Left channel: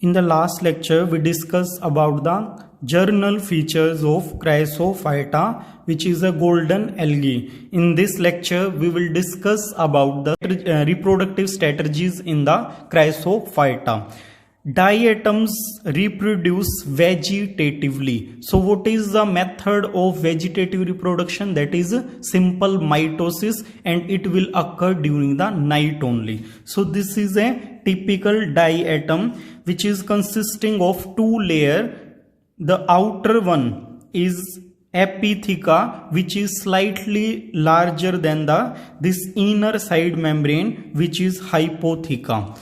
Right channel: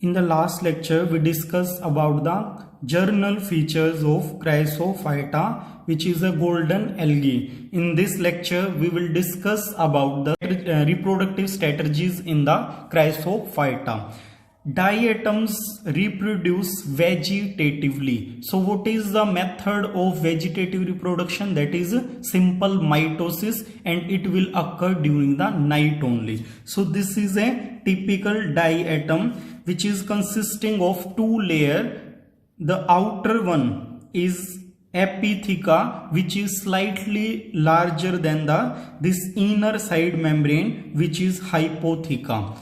In the last lecture, we discussed about the journal features of Chrysophyta, which is a golden algae. In this lecture, we will discuss about the reproductive strategies in the Chrysophyta. Diatoms reproduce vegetatively. So what is the method of vegetative reproduction? That is simple mitosis, and it will occur during the night only. So this is a typical diatom which is consisting of two layers. The outer one is epitheca, which is slightly larger than this inner side membrane, which is hypotheca.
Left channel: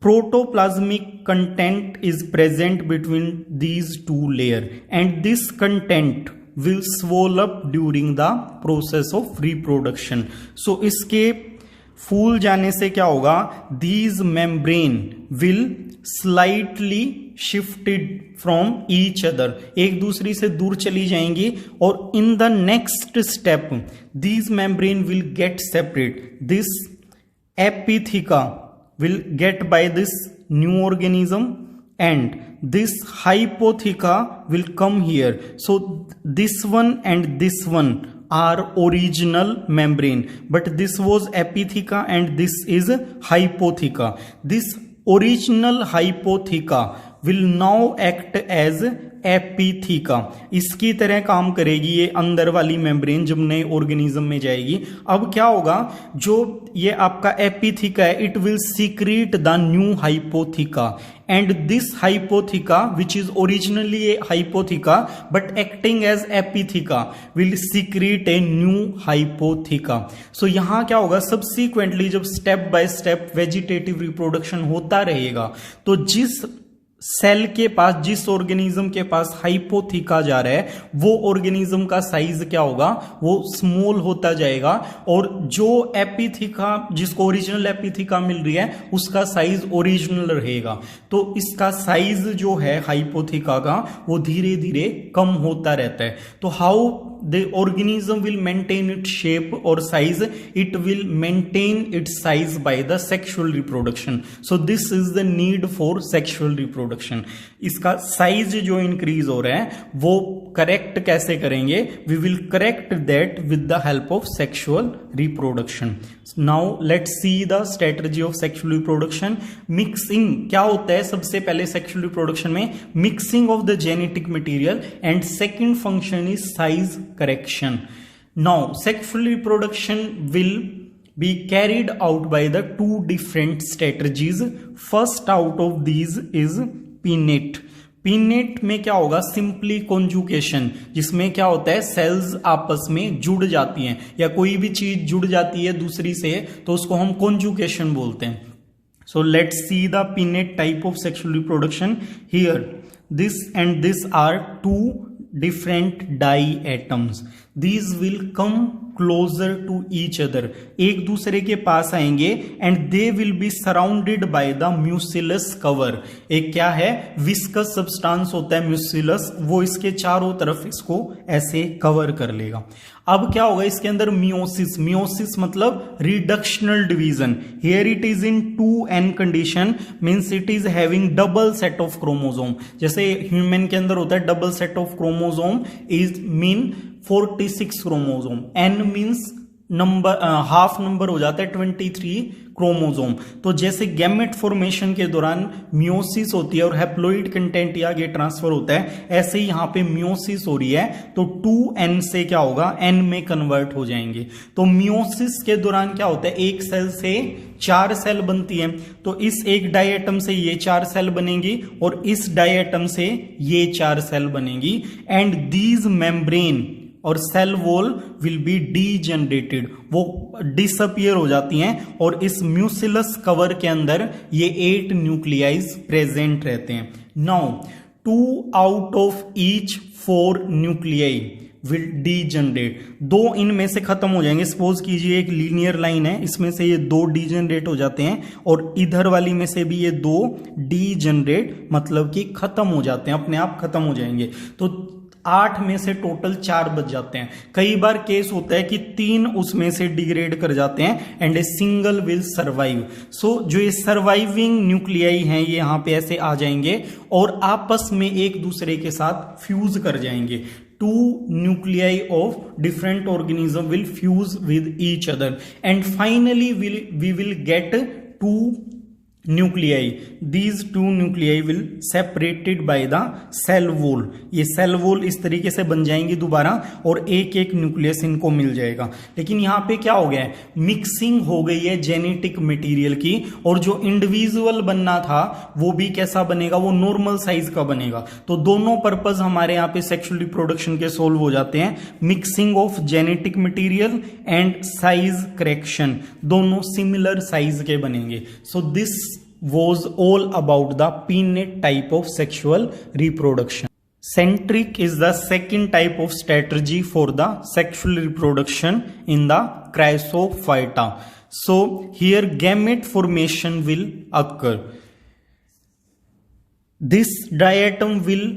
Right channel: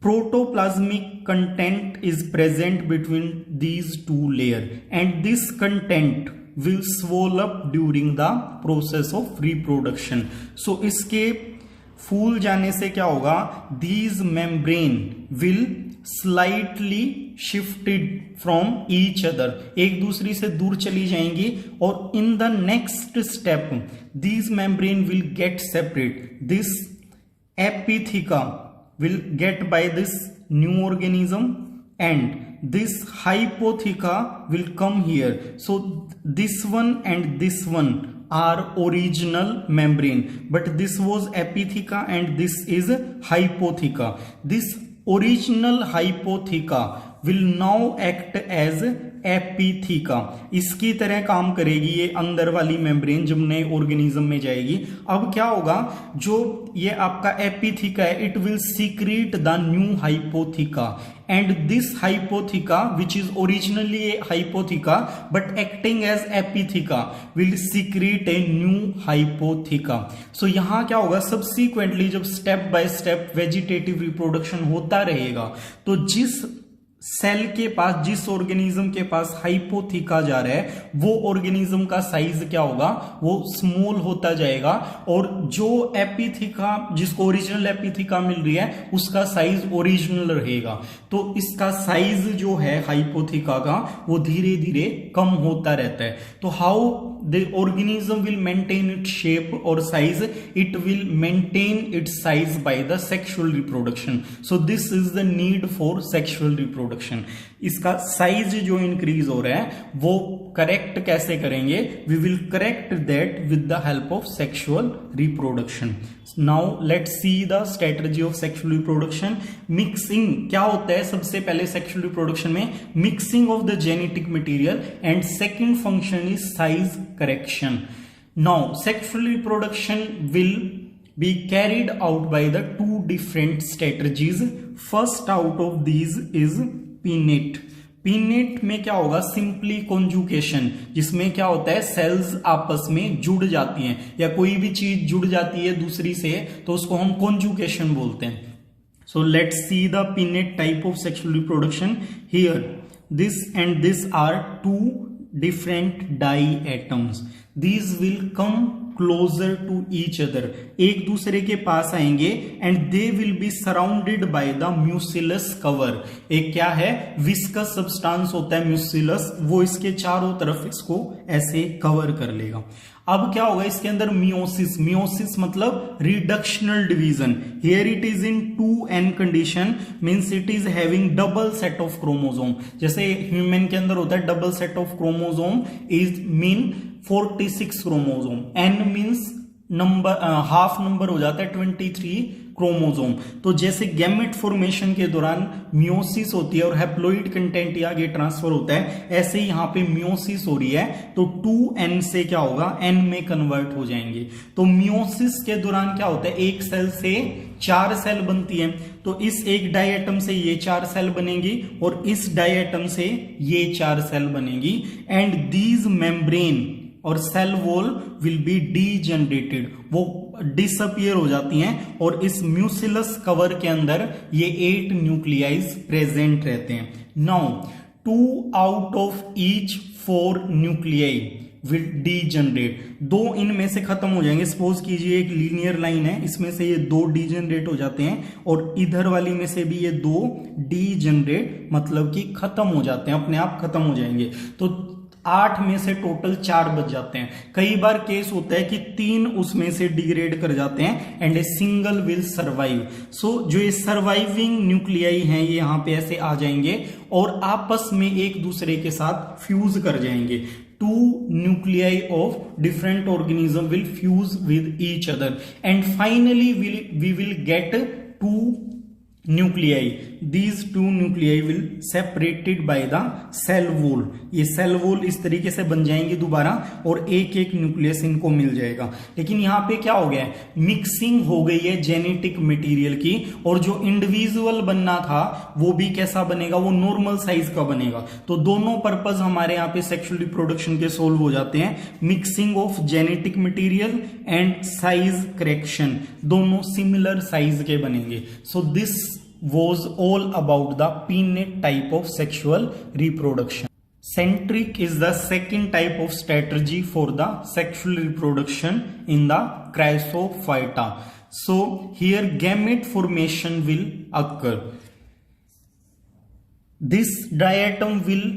Protoplasmic content is present between these two layers, and this content will swell up during the process of reproduction. So इसके फूल जाने से क्या होगा? These membrane will slightly shifted from each other, एक दूसरी से दूर चली जाएंगी, और in the next step these membrane will get separate. This epitheca will get by this new organism, and this hypotheca will come here. So this one and this one are original membrane, but this was epitheca and this is hypotheca. This original hypotheca will now act as एपिथीका. इसकी तरह काम करेगी ये अंदर वाली membrane जब नए organism में जाएगी. अब क्या होगा? जो ये आपका एपिथीका है, it will secrete the new hypotheca, and this hypotheca which is originally a hypotheca but acting as epitheca will secrete a new hypotheca. So यहां क्या होगा? सब्सिक्वेंटली जब step by step vegetative reproduction होता रहेगा, तो जिस cell के पास, जिस ऑर्गेनिज्म के पास हाइपोथीका जा रहा है, वो ऑर्गेनिज्म का साइज क्या होगा? वो स्मॉल होता जाएगा, और जो एपिथीका, जिसको ओरिजिनल एपिथीका मिल रही है, उसका साइज ओरिजिनल रहेगा. तो इसका साइज जो है हाइपोथीका का, वो धीरे धीरे कम होता रहता है. तो how the organism will maintain its shape or size? It will maintain its size by the sexual reproduction. So this is the need for sexual reproduction. इसका साइज जो इंक्रीज हो रहा है वो करेक्ट कैसे करेंगे? We will correct that with the help of sexual reproduction. Now let's see the strategy of sexual reproduction. Mixing क्या होता है? सबसे पहले sexual reproduction में mixing of the genetic material, and second function is size correction. Now sexual reproduction will be carried out by the two different strategies. First out of these is pinnate. Pinnate में क्या होगा? Simply conjugation, जिसमें क्या होता है? Sales आपस में जुड़ जाती हैं, या कोई भी चीज जुड़ जाती है दूसरी से, तो उसको हम कॉन्जुगेशन बोलते हैं. So let's see the pinnate type of sexual reproduction. Here this and this are two different diatoms. These will come closer to each other. एक दूसरे के पास आएंगे, and they will be surrounded by the mucilus cover. एक क्या है? viscous substance होता है mucilus, वो इसके चारों तरफ इसको ऐसे कवर कर लेगा. अब क्या होगा? इसके अंदर मियोसिस. मियोसिस मतलब reductional division. Here it is in 2n condition, means it is having double set of chromosome. जैसे ह्यूमन के अंदर होता है double set of chromosome, is mean 46 chromosome. n means number, half number हो जाता है 23 chromosome. तो जैसे गैमेट फॉर्मेशन के दौरान मियोसिस होती है और हैप्लोइड कंटेंट आगे ट्रांसफर होता है, ऐसे ही यहां पे मियोसिस हो रही है, तो 2n से क्या होगा? n में कन्वर्ट हो जाएंगे. तो मियोसिस के दौरान क्या होता है? एक सेल से 4 सेल बनती है. तो इस एक डायटम से ये 4 सेल बनेगी, और इस डायटम से ये 4 सेल बनेगी, एंड दीज मेम्ब्रेन और cell wall will be degenerated, वो डिसअपियर हो जाती हैं, और इस म्यूसिलस कवर के अंदर ये 8 न्यूक्लियाइज प्रेजेंट रहते हैं. Now 2 out of each 4 nuclei will degenerate. 2 इनमें से खत्म हो जाएंगे. सपोज कीजिए एक लीनियर लाइन है, इसमें से ये 2 डीजनरेट हो जाते हैं, और इधर वाली में से भी ये 2 डीजनरेट, मतलब कि खत्म हो जाते हैं, अपने आप खत्म हो जाएंगे. तो 8 में से टोटल 4 बच जाते हैं। कई बार केस होता है कि 3 उसमें से डिग्रेड कर जाते हैं and a single will survive. So जो ये सर्वाइविंग न्यूक्लियाई हैं ये यहाँ पे ऐसे आ जाएंगे और आपस में एक दूसरे के साथ फ्यूज कर जाएंगे। 2 nuclei of different organism will fuse with each other and finally we will get 2 nuclei. These 2 nuclei will separated by the cell wall. ये cell wall इस तरीके से बन जाएंगी दोबारा और एक एक न्यूक्लियस इनको मिल जाएगा। लेकिन यहाँ पे क्या हो गया है, मिक्सिंग हो गई है जेनेटिक मटेरियल की और जो इंडिविजुअल बनना था वो भी कैसा बनेगा, वो नॉर्मल साइज का बनेगा। तो दोनों पर्पस हमारे यहाँ पे सेक्सुअल रिप्रोडक्शन के सोल्व हो जाते हैं, mixing of genetic material and size correction, दोनों सिमिलर साइज के बनेंगे। So this was all about the pinnate type of sexual reproduction. Centric is the second type of strategy for the sexual reproduction in the Chrysophyta. So here gamete formation will occur. This diatom will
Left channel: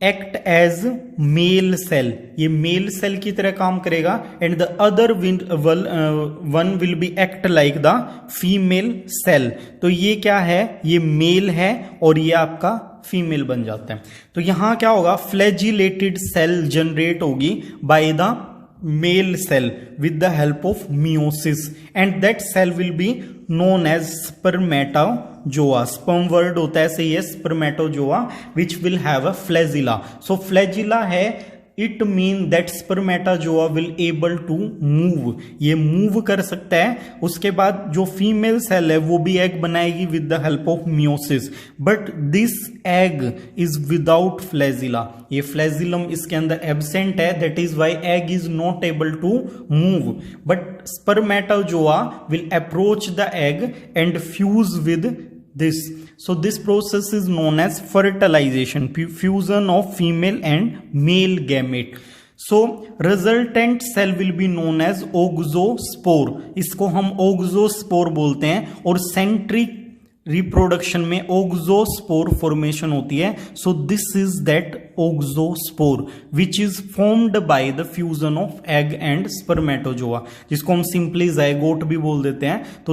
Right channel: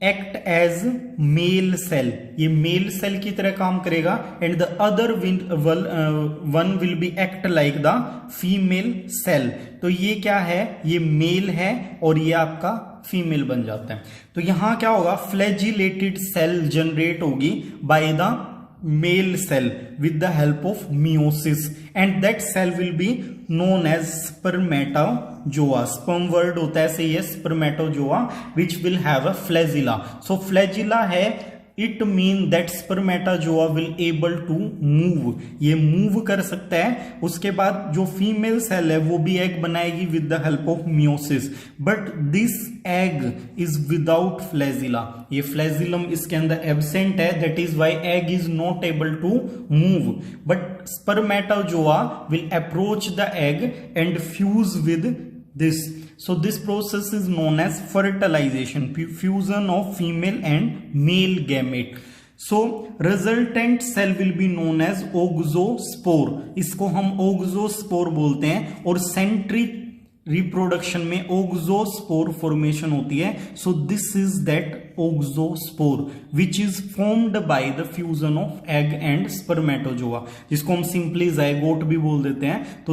act as male cell, ये male cell की तरह काम करेगा and the other one will be act like the female cell. तो ये क्या है, ये मेल है और ये आपका फीमेल बन जाता है। तो यहां क्या होगा, फ्लैजिलेटेड सेल जनरेट होगी by the male cell with the help of meiosis and that cell will be known as spermatozoa. sperm word होता है सही है, spermatozoa which will have a flagella. So flagella है, it mean that spermatozoa will able to move, ये move कर सकता है। उसके बाद जो फीमेल सेल है वो भी एग बनाएगी with the help of meiosis, but this egg is without flagella, ये फ्लैजिलम इसके अंदर एब्सेंट है, that is why egg is not able to move, but spermatozoa will approach the egg and fuse with this. So this process is known as fertilization, fusion of female and male gamete. So resultant cell will be known as oxospore, इसको हम oxospore बोलते हैं और centric reproduction में ओक्सोस्पोर formation होती है। So this is that auxospore which is formed by the fusion of egg and spermatozoa, जिसको हम सिंपली जाइगोट भी बोल देते हैं। तो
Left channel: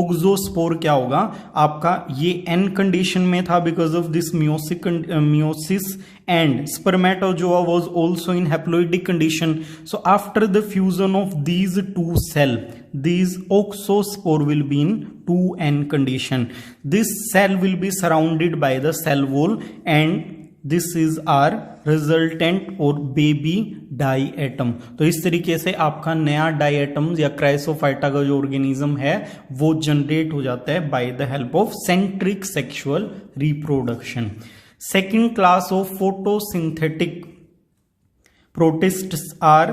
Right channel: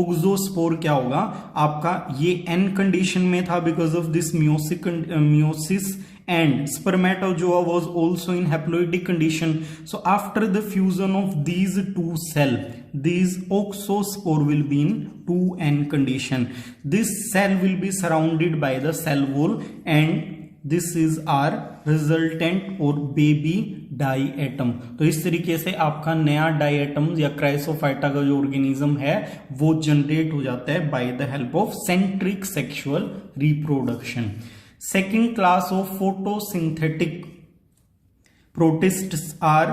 ओक्सोस्पोर क्या होगा आपका, ये एन कंडीशन में था because of this meiosis and spermatozoa was also in haploidic condition. So after the fusion of these two cells, these oxospore will be in 2n condition. This cell will be surrounded by the cell wall and this is our resultant और baby diatom. तो इस तरीके से आपका नया diatom या Chrysophyta का जो ऑर्गेनिज्म है वो जनरेट हो जाता है by the help of centric sexual reproduction. Second class of photosynthetic protists are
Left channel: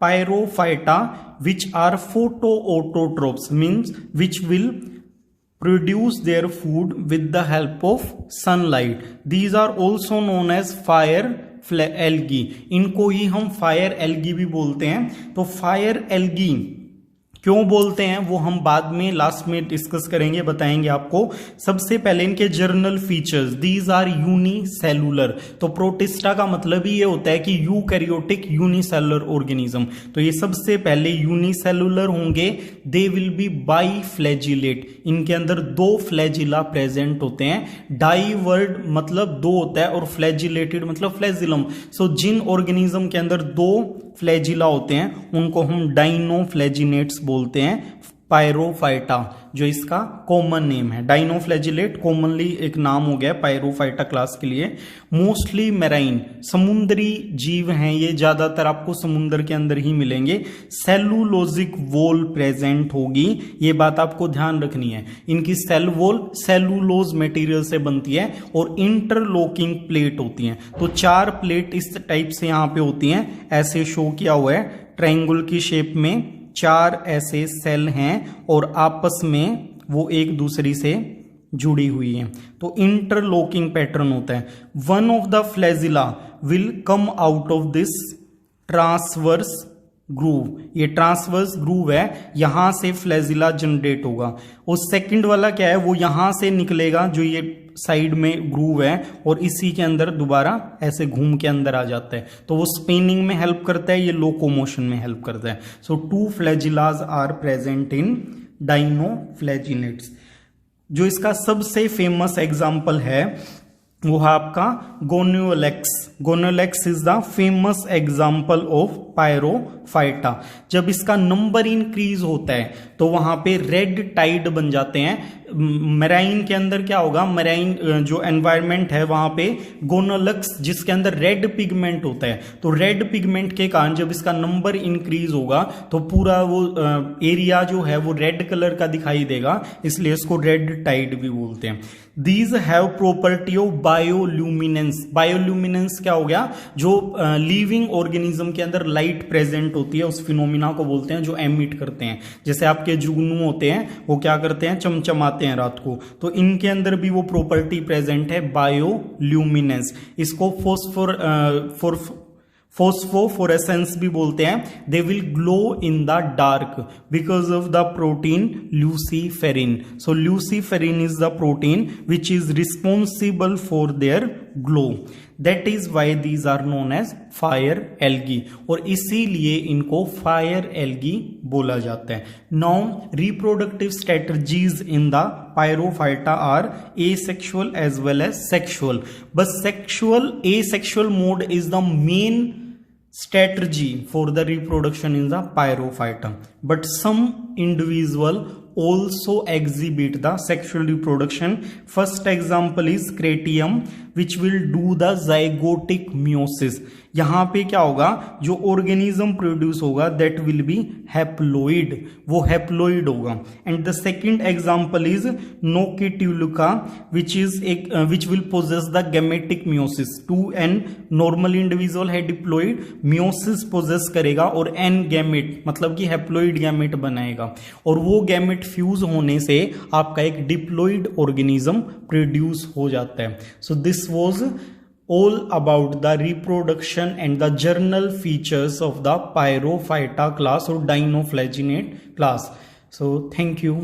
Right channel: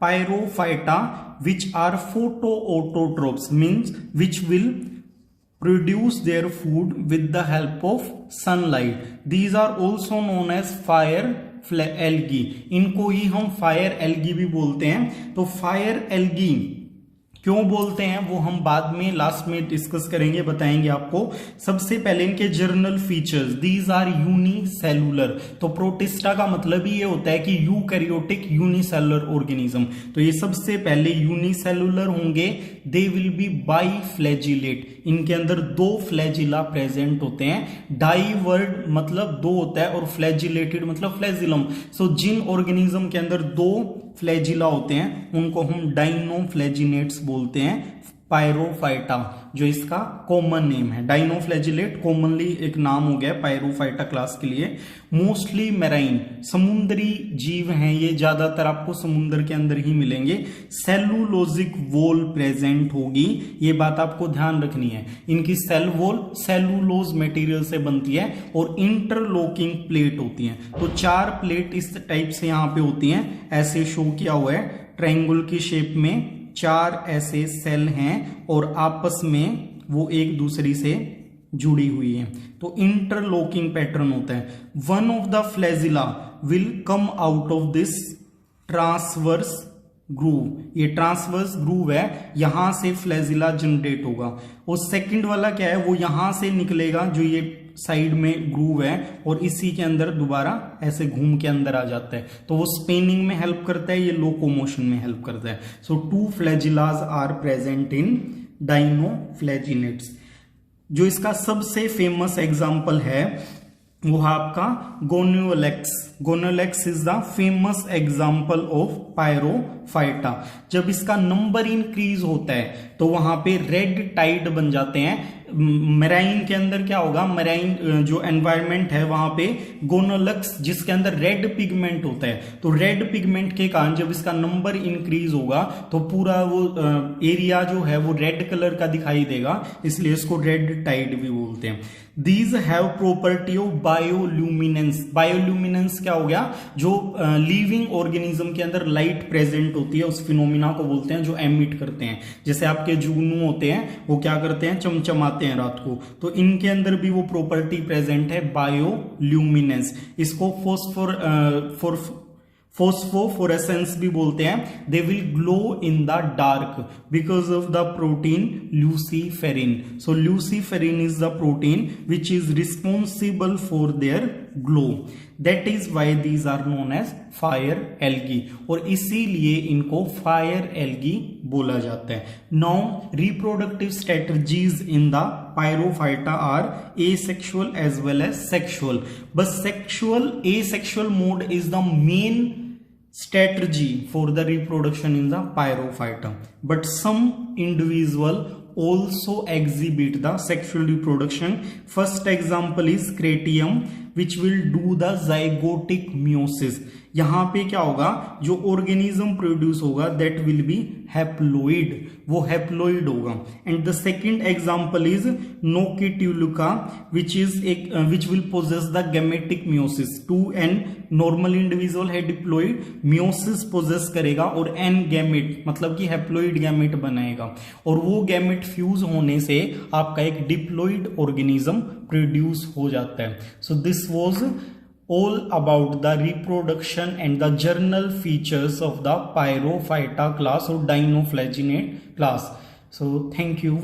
pyrophyta, which are photoautotrophs, means which will produce their food with the help of sunlight. These are also known as fire algae. इनको ही हम fire algae भी बोलते हैं। तो fire algae क्यों बोलते हैं वो हम बाद में लास्ट में डिस्कस करेंगे, बताएंगे आपको। सबसे पहले इनके general features, these are unicellular. तो प्रोटिस्टा का मतलब ही ये होता है कि यूकैरियोटिक यूनिसेलुलर ऑर्गेनिज्म। तो ये सबसे पहले यूनिसेलुलर होंगे। दे विल बी बाईफ्लैजिलेट, इनके अंदर 2 फ्लैजिला प्रेजेंट होते हैं। डाई वर्ड मतलब 2 होता है और फ्लैजिलेटेड मतलब फ्लैजिलम। सो जिन ऑर्गेनिज्म के अंदर 2 फ्लैजिला होते हैं उनको हम डाइनोफ्लैजिनेट्स बोलते हैं। पायरोफाइटा जो इसका कॉमन नेम है, डाइनोफ्लैजिलेट कॉमनली एक नाम हो गया पायरोफाइटा क्लास के लिए। मोस्टली मैराइन, समुद्री जीव हैं ये, ज्यादातर आपको समुद्र के अंदर ही मिलेंगे। सेलुलोजिक वॉल प्रेजेंट होगी, ये बात आपको ध्यान रखनी है। इनकी सेल वॉल सेलुलोज मटेरियल से बनती है और इंटरलॉकिंग प्लेट होती है। तो 4 प्लेट इस टाइप से यहां पे होती हैं, ऐसे शो किया हुआ है ट्रायंगल की शेप में। 4 ऐसे सेल हैं और आपस में वो एक दूसरी से जुड़ी हुई हैं, तो इंटरलॉकिंग पैटर्न होता है। One of the flagella will come out of this transverse groove, ये ट्रांसवर्स ग्रूव है, यहां से फ्लैजिला जनरेट होगा। और सेकंड वाला क्या है, वो यहां से निकलेगा जो ये साइड में ग्रूव है और इसी के अंदर दोबारा ऐसे घूम के अंदर आ जाता है, तो वो स्पिनिंग में हेल्प करता है, ये लोकोमोशन में हेल्प करता है। So 2 flagellas are present in dinoflagellates. जो इसका सबसे फेमस एग्जाम्पल है वो है आपका Gonyaulax. Gonyaulax is the famous example of Pyrrophyta. जब इसका नंबर इंक्रीज होता है तो वहां पे रेड टाइड बन जाते हैं। मेराइन के अंदर क्या होगा, मेराइन जो एनवायरनमेंट है वहां पे गोनोलेक्स जिसके अंदर रेड पिगमेंट होता है, तो रेड पिगमेंट के कारण जब इसका नंबर इंक्रीज होगा तो पूरा वो एरिया जो है वो रेड कलर का दिखाई देगा, इसलिए इसको रेड टाइड भी बोलते हैं। These have property of bioluminescence। Bioluminescence क्या हो गया, जो लिविंग ऑर्गेनिज्म के अंदर लाइट प्रेजेंट होती है उस फिनोमिना को बोलते हैं जो एमिट करते हैं। जैसे आपके जुगनू होते हैं वो क्या करते हैं, चमचमाते हैं रात को, तो इनके अंदर भी वो प्रॉपर्टी प्रेजेंट है बायोल्यूमिनेंस। इसको फोस्फोफोरेसेंस भी बोलते हैं। They will glow in the dark because of the protein luciferin. So luciferin is the protein which is responsible for their glow. That is why these are known as fire algae, और इसीलिए इनको fire algae बोला जाता है। Now reproductive strategies in the Pyrrophyta are asexual as well as sexual, but asexual mode is the main strategy for the reproduction in the pyrophyta, but some individual also exhibit the sexual reproduction. First example is Cratium which will do the zygotic meiosis। यहां पे क्या होगा, जो organism produce होगा that will be haploid, वो haploid होगा। And the second example is Noctiluca which will possess the gametic meiosis. 2n normal individual है diploid, meiosis possess करेगा और n गैमेट मतलब कि हैप्लोइड गैमेट बनाएगा, और वो गैमेट फ्यूज होने से आपका एक डिप्लॉइड ऑर्गेनिज्म प्रोड्यूस हो जाता है। So this was all about the reproduction and the general features of the Pyrophyta class or Dinoflaginate class. So thank you.